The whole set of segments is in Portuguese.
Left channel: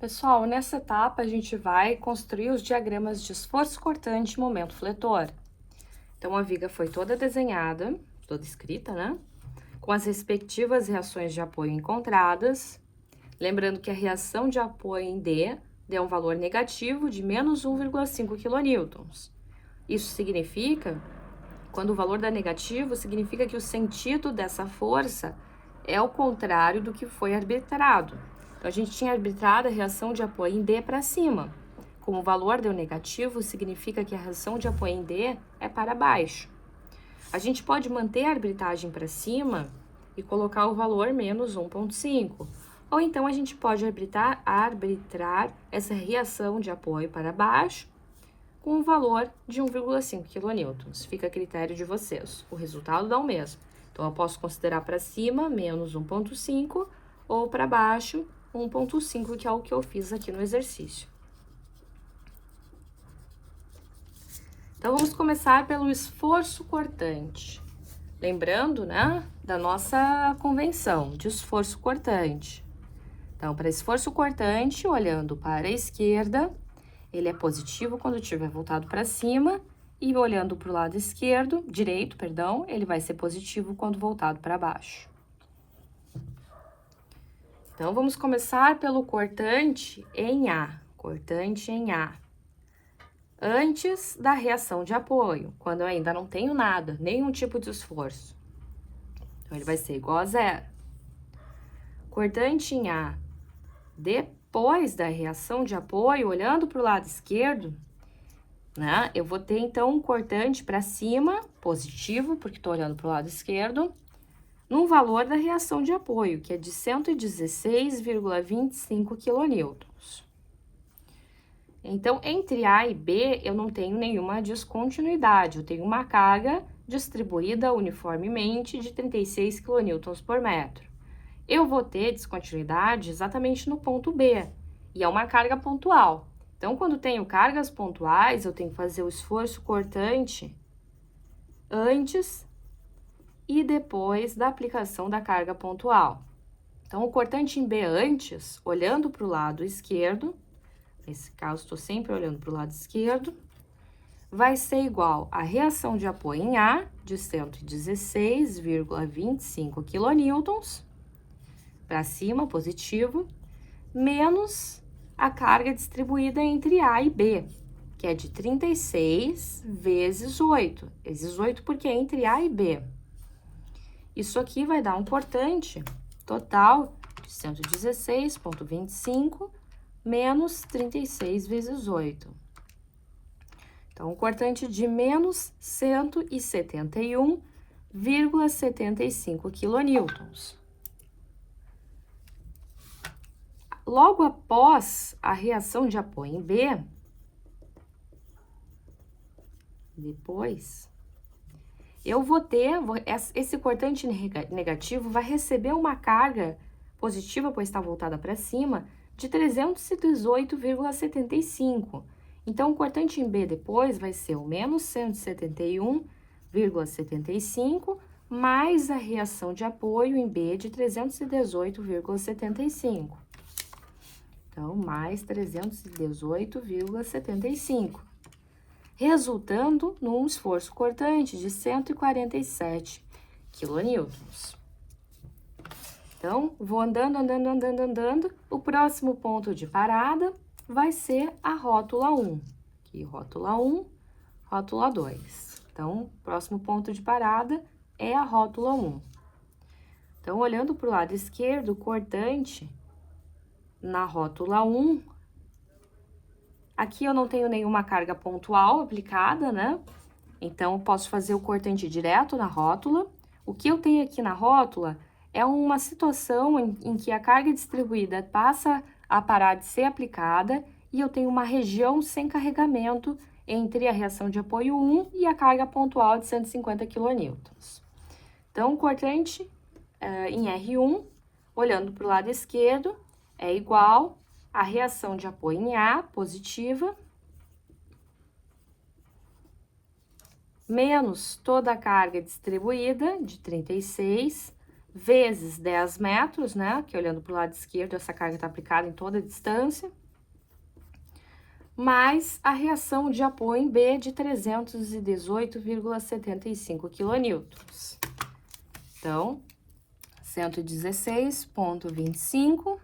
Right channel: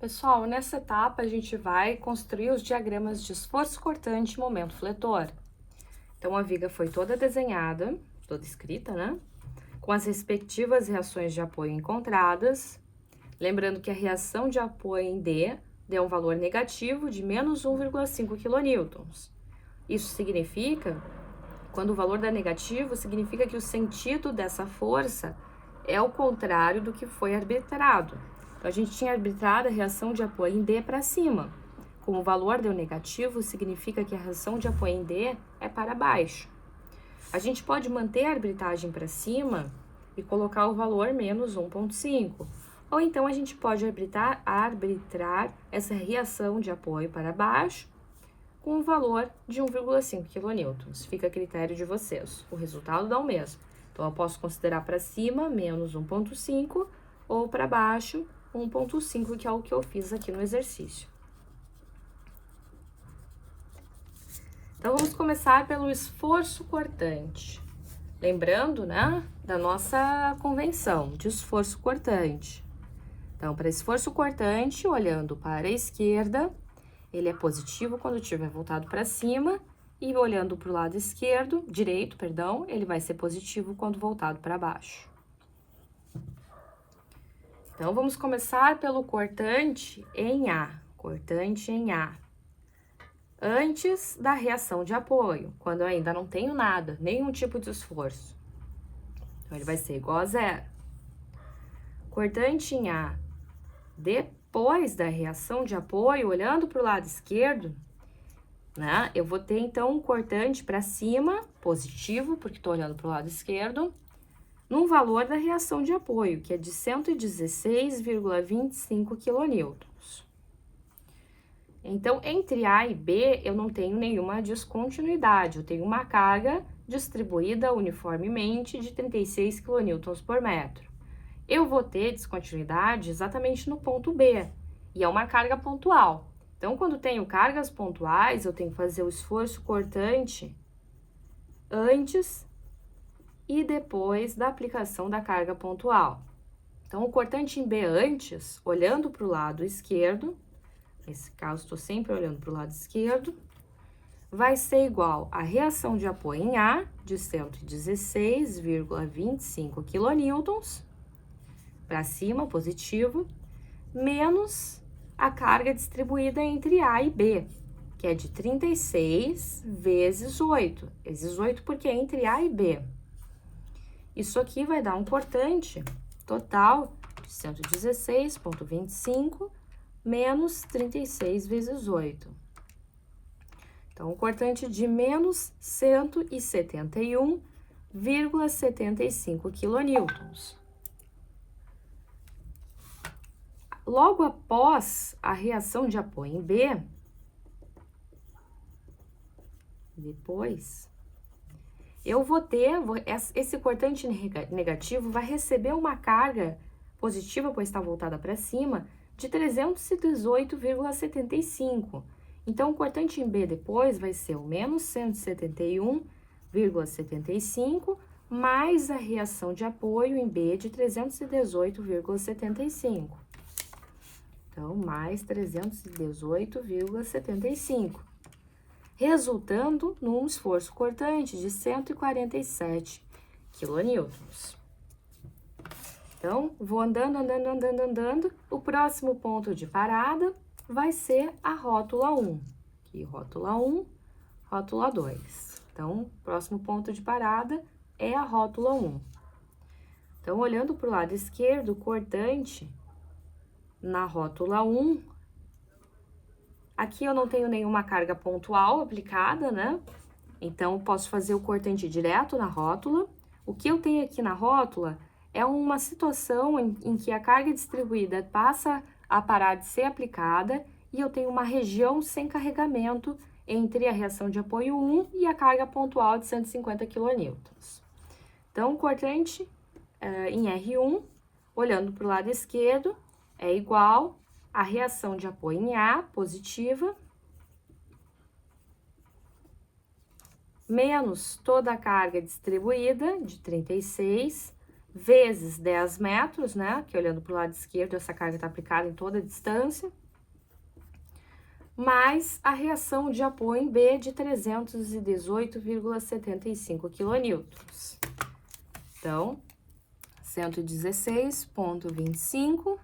Pessoal, nessa etapa a gente vai construir os diagramas de esforço cortante e momento fletor. Então, a viga foi toda desenhada, toda escrita, né? Com as respectivas reações de apoio encontradas. Lembrando que a reação de apoio em D deu um valor negativo de menos 1,5 kN. Isso significa, quando o valor dá negativo, significa que o sentido dessa força é o contrário do que foi arbitrado. A gente tinha arbitrado a reação de apoio em D para cima. Como o valor deu negativo, significa que a reação de apoio em D é para baixo. A gente pode manter a arbitragem para cima e colocar o valor menos 1,5. Ou então a gente pode arbitrar essa reação de apoio para baixo com um valor de 1,5 kN. Fica a critério de vocês. O resultado dá o mesmo. Então, eu posso considerar para cima menos 1,5 ou para baixo 1,5, que é o que eu fiz aqui no exercício. Então, vamos começar pelo esforço cortante. Lembrando, né, da nossa convenção de esforço cortante. Então, para esforço cortante, olhando para a esquerda, ele é positivo quando estiver voltado para cima, e olhando para o lado direito, ele vai ser positivo quando voltado para baixo. Então, vamos começar pelo cortante em A, antes da reação de apoio, quando eu ainda não tenho nada, nenhum tipo de esforço. Então, ele vai ser igual a zero. Cortante em A, depois da reação de apoio, olhando para o lado esquerdo, né, eu vou ter, então, um cortante para cima, positivo, porque estou olhando para o lado esquerdo, no valor da reação de apoio, que é de 116,25 kN. Então, entre A e B, eu não tenho nenhuma descontinuidade, eu tenho uma carga distribuída uniformemente de 36 kN por metro. Eu vou ter descontinuidade exatamente no ponto B, e é uma carga pontual. Então, quando tenho cargas pontuais, eu tenho que fazer o esforço cortante antes e depois da aplicação da carga pontual. Então, o cortante em B antes, olhando para o lado esquerdo, nesse caso, estou sempre olhando para o lado esquerdo, vai ser igual a reação de apoio em A, de 116,25 kN, para cima, positivo, menos a carga distribuída entre A e B, que é de 36 vezes 8. Vezes 8 porque é entre A e B. Isso aqui vai dar um cortante total de 116,25 menos 36 vezes 8. Então, um cortante de menos 171,75 kN. Logo após a reação de apoio em B, depois, eu vou ter, esse cortante negativo vai receber uma carga positiva, pois está voltada para cima, de 318,75. Então, o cortante em B depois vai ser o menos 171,75 mais a reação de apoio em B de 318,75. Então, mais 318,75. Resultando num esforço cortante de 147 kN. Então, vou andando. O próximo ponto de parada vai ser a rótula 1. Aqui, rótula 1, rótula 2. Então, o próximo ponto de parada é a rótula 1. Então, olhando para o lado esquerdo, o cortante na rótula 1, aqui eu não tenho nenhuma carga pontual aplicada, né? Então, eu posso fazer o cortante direto na rótula. O que eu tenho aqui na rótula é uma situação em que a carga distribuída passa a parar de ser aplicada e eu tenho uma região sem carregamento entre a reação de apoio 1 e a carga pontual de 150 kN. Então, o cortante em R1, olhando para o lado esquerdo, é igual a reação de apoio em A, positiva, menos toda a carga distribuída, de 36, vezes 10 metros, né? Que olhando para o lado esquerdo, essa carga está aplicada em toda a distância, mais a reação de apoio em B de 318,75 kN. Então, 116,25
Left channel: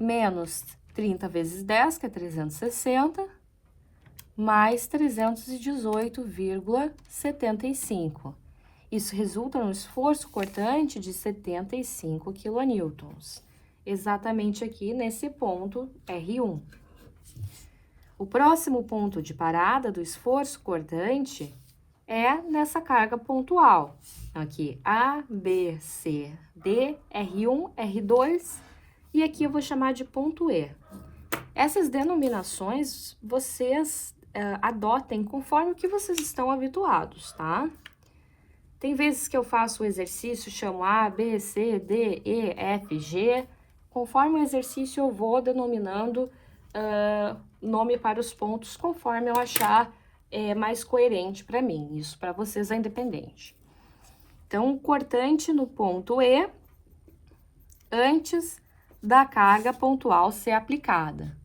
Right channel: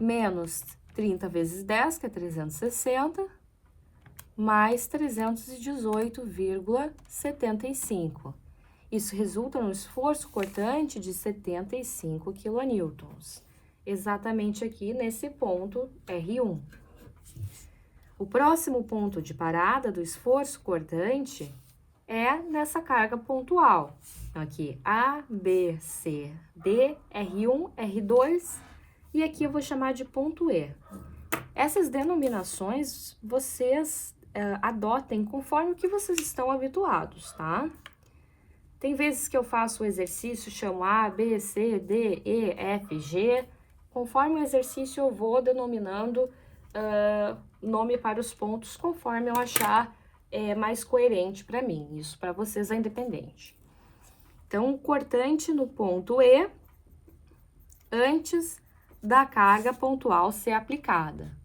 menos 30 vezes 10, que é 360, mais 318,75. Isso resulta num esforço cortante de 75 kN, exatamente aqui nesse ponto R1. O próximo ponto de parada do esforço cortante é nessa carga pontual. Aqui, A, B, C, D, R1, R2, e aqui eu vou chamar de ponto E. Essas denominações vocês adotem conforme o que vocês estão habituados, tá? Tem vezes que eu faço o exercício, chamo A, B, C, D, E, F, G. Conforme o exercício, eu vou denominando nome para os pontos, conforme eu achar mais coerente para mim. Isso para vocês é independente. Então, cortante no ponto E, antes da carga pontual ser aplicada.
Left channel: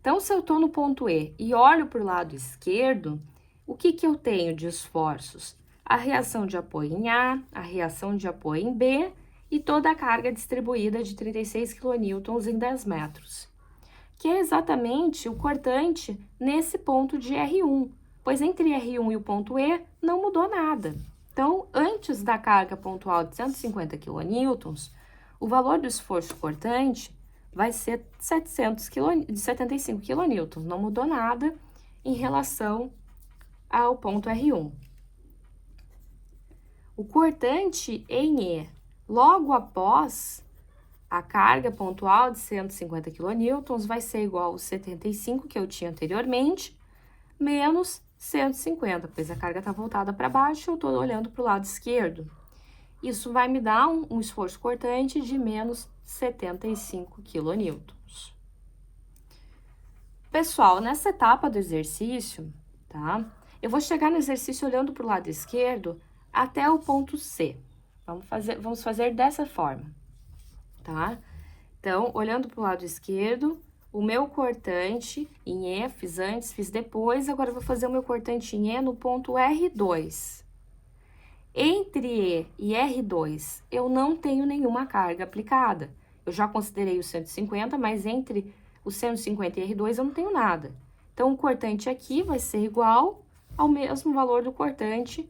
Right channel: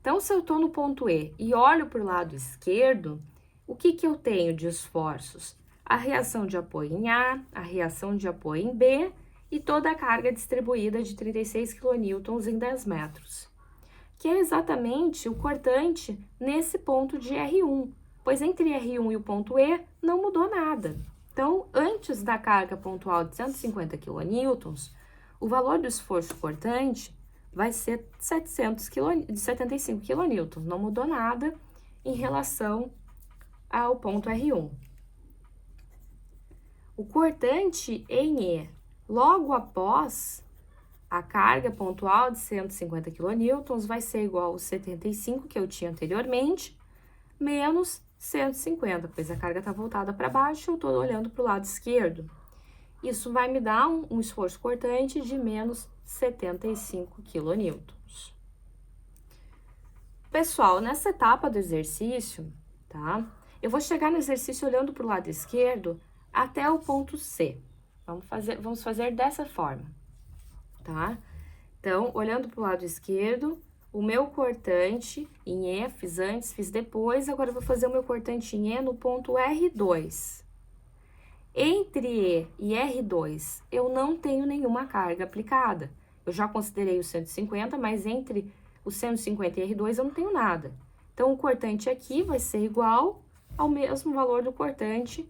Então, se eu estou no ponto E e olho para o lado esquerdo, o que eu tenho de esforços? A reação de apoio em A, a reação de apoio em B e toda a carga distribuída de 36 kN em 10 metros. Que é exatamente o cortante nesse ponto de R1, pois entre R1 e o ponto E não mudou nada. Então, antes da carga pontual de 150 kN, o valor do esforço cortante vai ser 75 kN, não mudou nada em relação ao ponto R1. O cortante em E, logo após a carga pontual de 150 kN, vai ser igual aos 75 que eu tinha anteriormente, menos 150, pois a carga está voltada para baixo, eu estou olhando para o lado esquerdo. Isso vai me dar um esforço cortante de menos 75 kN. Pessoal, nessa etapa do exercício, tá? Eu vou chegar no exercício olhando para o lado esquerdo até o ponto C. Vamos fazer dessa forma, tá? Então, olhando para o lado esquerdo, o meu cortante em E, fiz antes, fiz depois, agora eu vou fazer o meu cortante em E no ponto R2. Entre E e R2, eu não tenho nenhuma carga aplicada. Eu já considerei o 150, mas entre o 150 e R2 eu não tenho nada. Então, o cortante aqui vai ser igual ao mesmo valor do cortante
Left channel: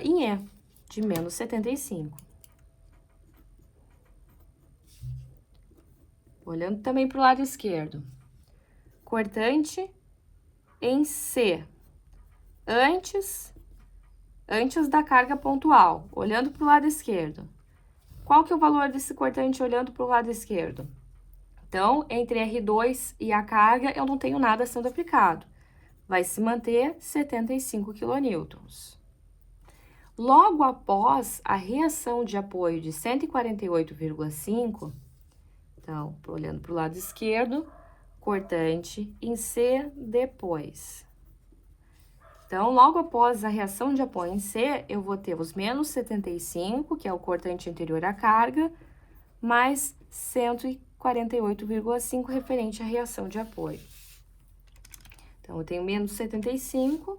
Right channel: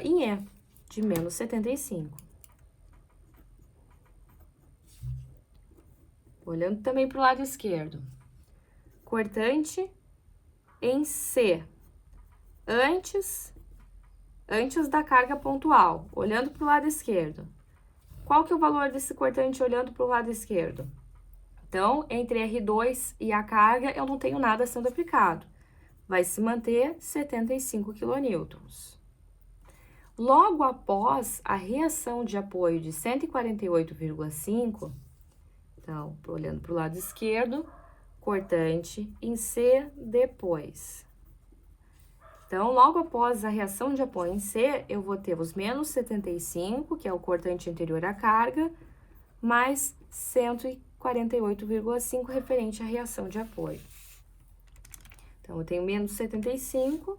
em E, de menos 75. Olhando também para o lado esquerdo. Cortante em C, antes da carga pontual, olhando para o lado esquerdo. Qual que é o valor desse cortante olhando para o lado esquerdo? Então, entre R2 e a carga, eu não tenho nada sendo aplicado. Vai se manter 75 kN. Logo após a reação de apoio de 148,5, então, olhando para o lado esquerdo, cortante em C depois. Então, logo após a reação de apoio em C, eu vou ter os menos 75, que é o cortante anterior à carga, mais 148,5 referente à reação de apoio. Então, eu tenho menos 75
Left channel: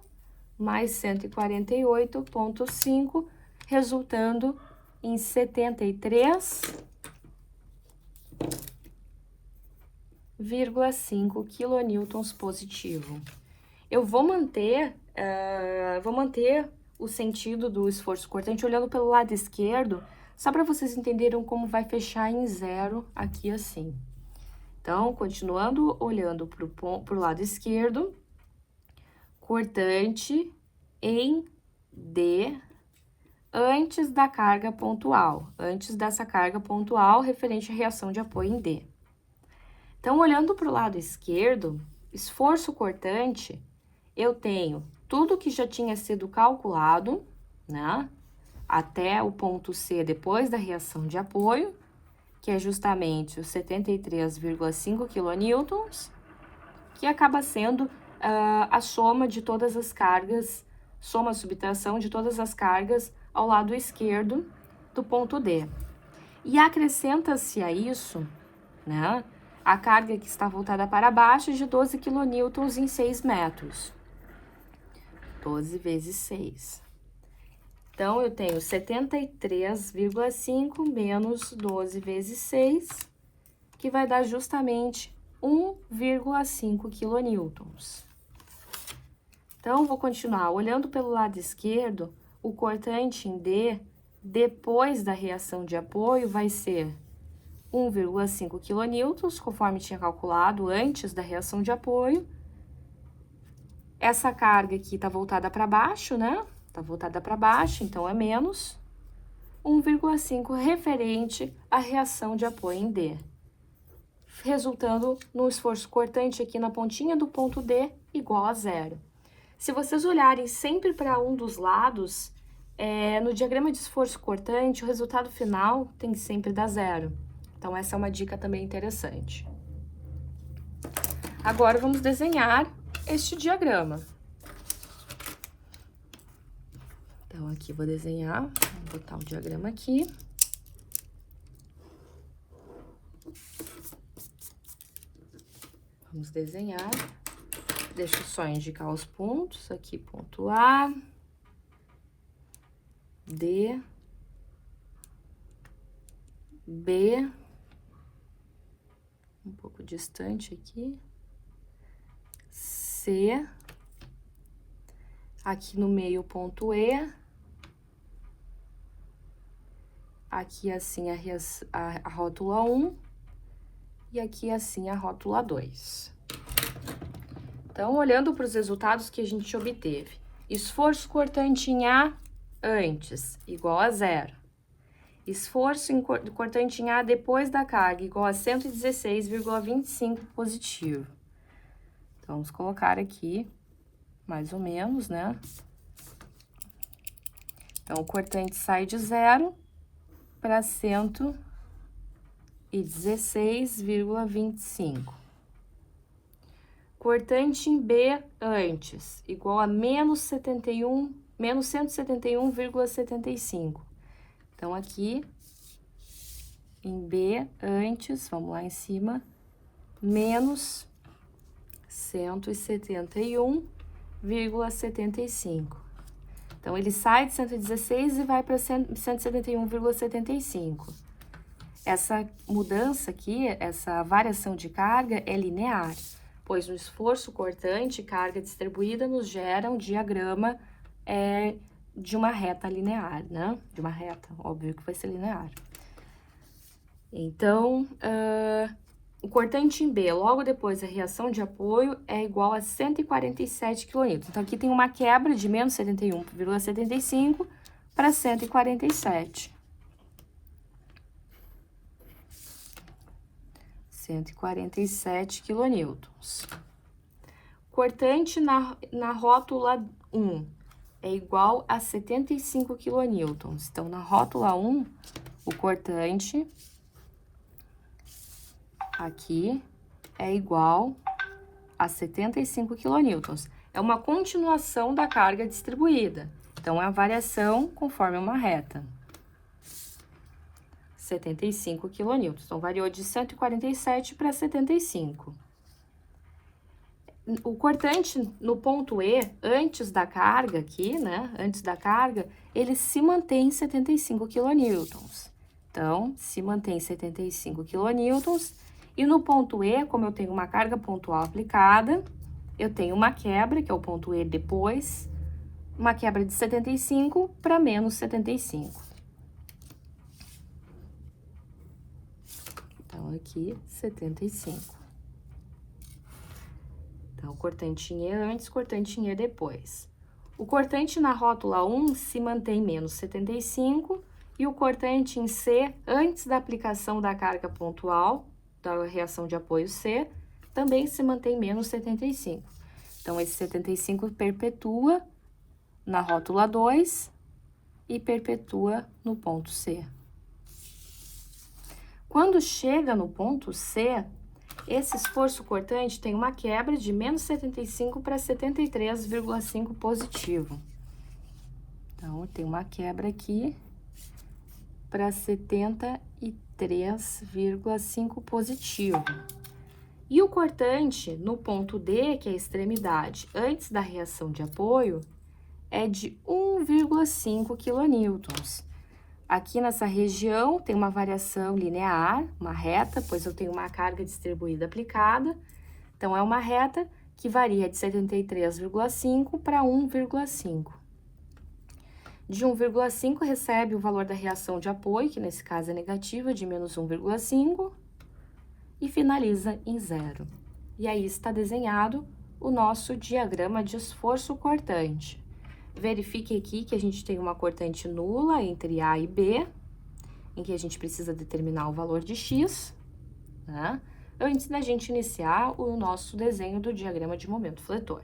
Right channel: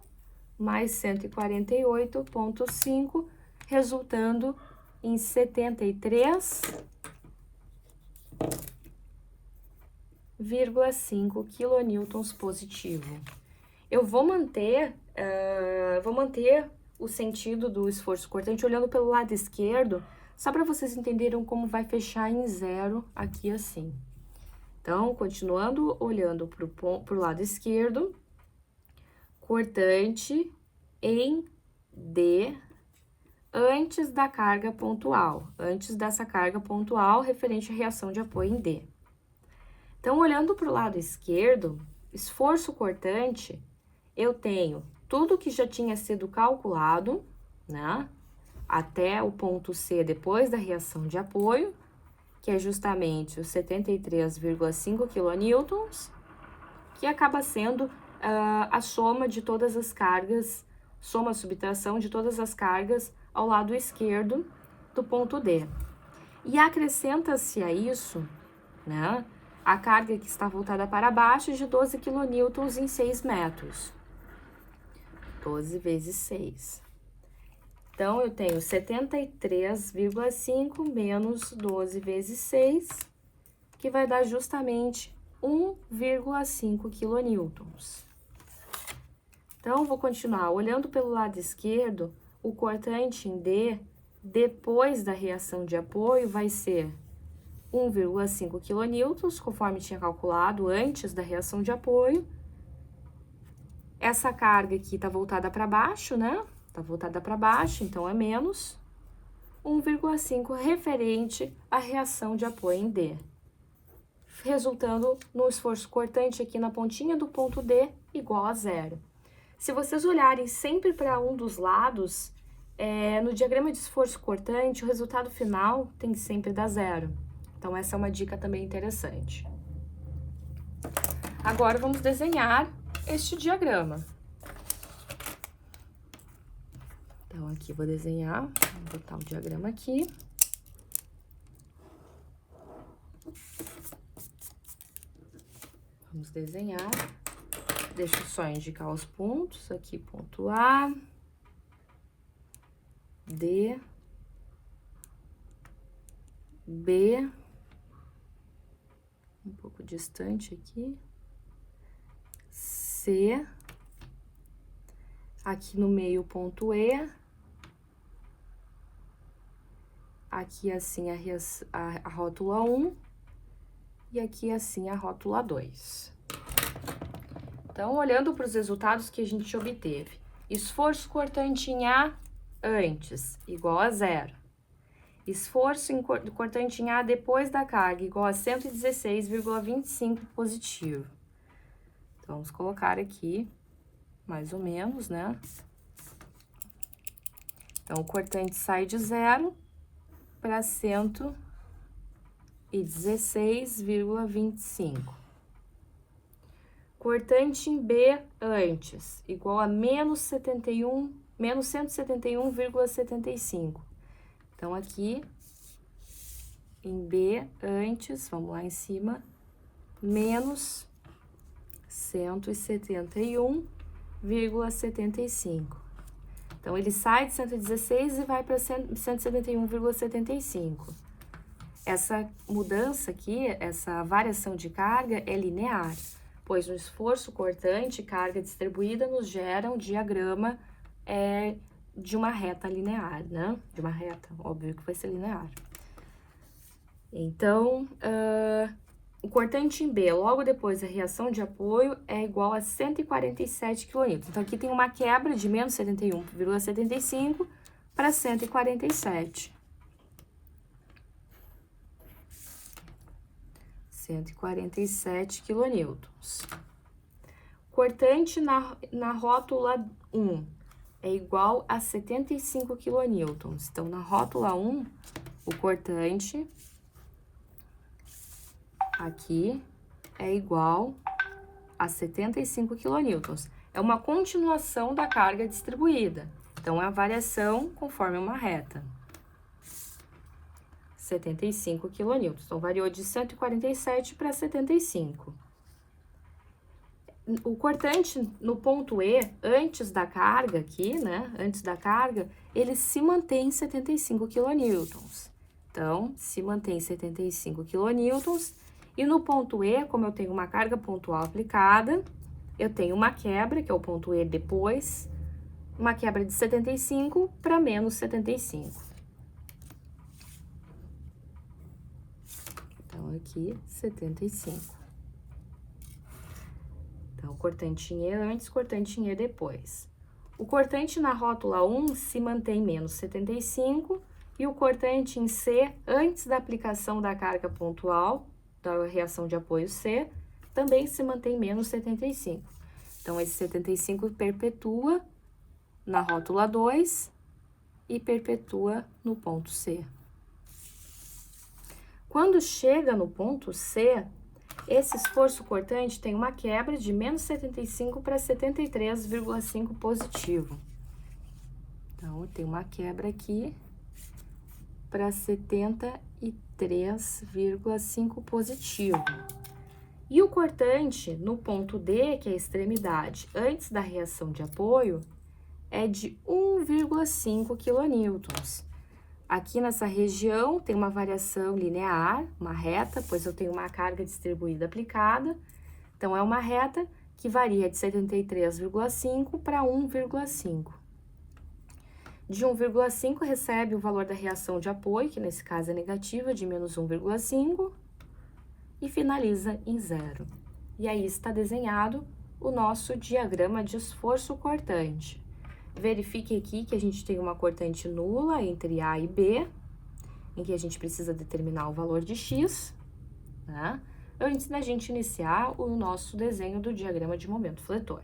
mais 148,5, resultando em 73,5 kN positivo. Eu vou manter o sentido do esforço cortante olhando pelo lado esquerdo, só para vocês entenderem como vai fechar em zero aqui assim. Então, continuando olhando para o lado esquerdo, cortante em D antes da carga pontual, antes dessa carga pontual referente à reação de apoio em D. Então, olhando para o lado esquerdo, esforço cortante, eu tenho tudo que já tinha sido calculado, né, até o ponto C depois da reação de apoio, que é justamente os 73,5 kN, que acaba sendo a soma de todas as cargas, soma-subtração de todas as cargas ao lado esquerdo do ponto D. E acrescenta-se a isso, né, a carga que está voltada para baixo de 12 kN em 6 metros. 12 vezes 6. Então, eu tenho 73,5 menos 12 vezes 6, que vai dar justamente 1,5 kN. Então, vou continuar olhando pelo lado esquerdo, o cortante em D, depois da reação de apoio, vai ser 1,5 kN, conforme tinha calculado antes da reação de apoio. Essa carga aqui tá voltada para baixo, né? Tá voltada para baixo, então é menos 1,5 referente à reação de apoio em D, resultando no esforço cortante aqui na pontinha do ponto D igual a zero. Se vocês olharem sempre para um dos lados, no diagrama de esforço cortante, o resultado final tem que sempre dar zero. Então, essa é uma dica também interessante. Agora, vamos desenhar este diagrama. Então, aqui vou desenhar, vou botar o diagrama aqui. Vamos desenhar. Deixa eu só indicar os pontos. Aqui, ponto A, D, B, um pouco distante aqui, C, aqui no meio ponto E, aqui assim a rótula 1 e aqui assim a rótula 2. Então, olhando para os resultados que a gente obteve, esforço cortante em A antes, igual a zero. Esforço cortante em A depois da carga, igual a 116,25 positivo. Então, vamos colocar aqui, mais ou menos, né? Então, o cortante sai de zero para 116,25. Cortante em B antes, igual a menos 171,75. Então, aqui, em B antes, vamos lá em cima, menos 171,75. Então, ele sai de 116 e vai para 171,75. Essa mudança aqui, essa variação de carga é linear, pois no esforço cortante, carga distribuída nos gera um diagrama de uma reta linear, né? De uma reta, óbvio que vai ser linear. Então, o cortante em B, logo depois da reação de apoio, é igual a 147 kN. Então, aqui tem uma quebra de menos 71,75 para 147. 147 kN. Cortante na rótula 1 é igual a 75 kN. Então, na rótula 1, o cortante aqui é igual a 75 kN. É uma continuação da carga distribuída. Então, é a variação conforme uma reta. 75 kN. Então, variou de 147 para 75. O cortante no ponto E, antes da carga aqui, né? Antes da carga, ele se mantém em 75 kN. Então, se mantém em 75 kN. E no ponto E, como eu tenho uma carga pontual aplicada, eu tenho uma quebra, que é o ponto E depois, uma quebra de 75 para menos 75. Então, aqui, 75. Então, cortante em E antes, cortante em E depois. O cortante na rótula 1 se mantém menos 75 e o cortante em C, antes da aplicação da carga pontual, da reação de apoio C, também se mantém menos 75. Então, esse 75 perpetua na rótula 2 e perpetua no ponto C. Quando chega no ponto C, esse esforço cortante tem uma quebra de menos 75 para 73,5 positivo. Então, tem uma quebra aqui para 73,5 positivo. E o cortante no ponto D, que é a extremidade, antes da reação de apoio, é de 1,5 kN. Aqui nessa região tem uma variação linear, uma reta, pois eu tenho uma carga distribuída aplicada. Então, é uma reta que varia de 73,5 para 1,5. De 1,5 recebe o valor da reação de apoio, que nesse caso é negativa, de menos 1,5, e finaliza em 0. E aí está desenhado o nosso diagrama de esforço cortante. Verifique aqui que a gente tem uma cortante nula entre A e B, em que a gente precisa determinar o valor de X, né? Antes da gente iniciar o nosso desenho do diagrama de momento fletor.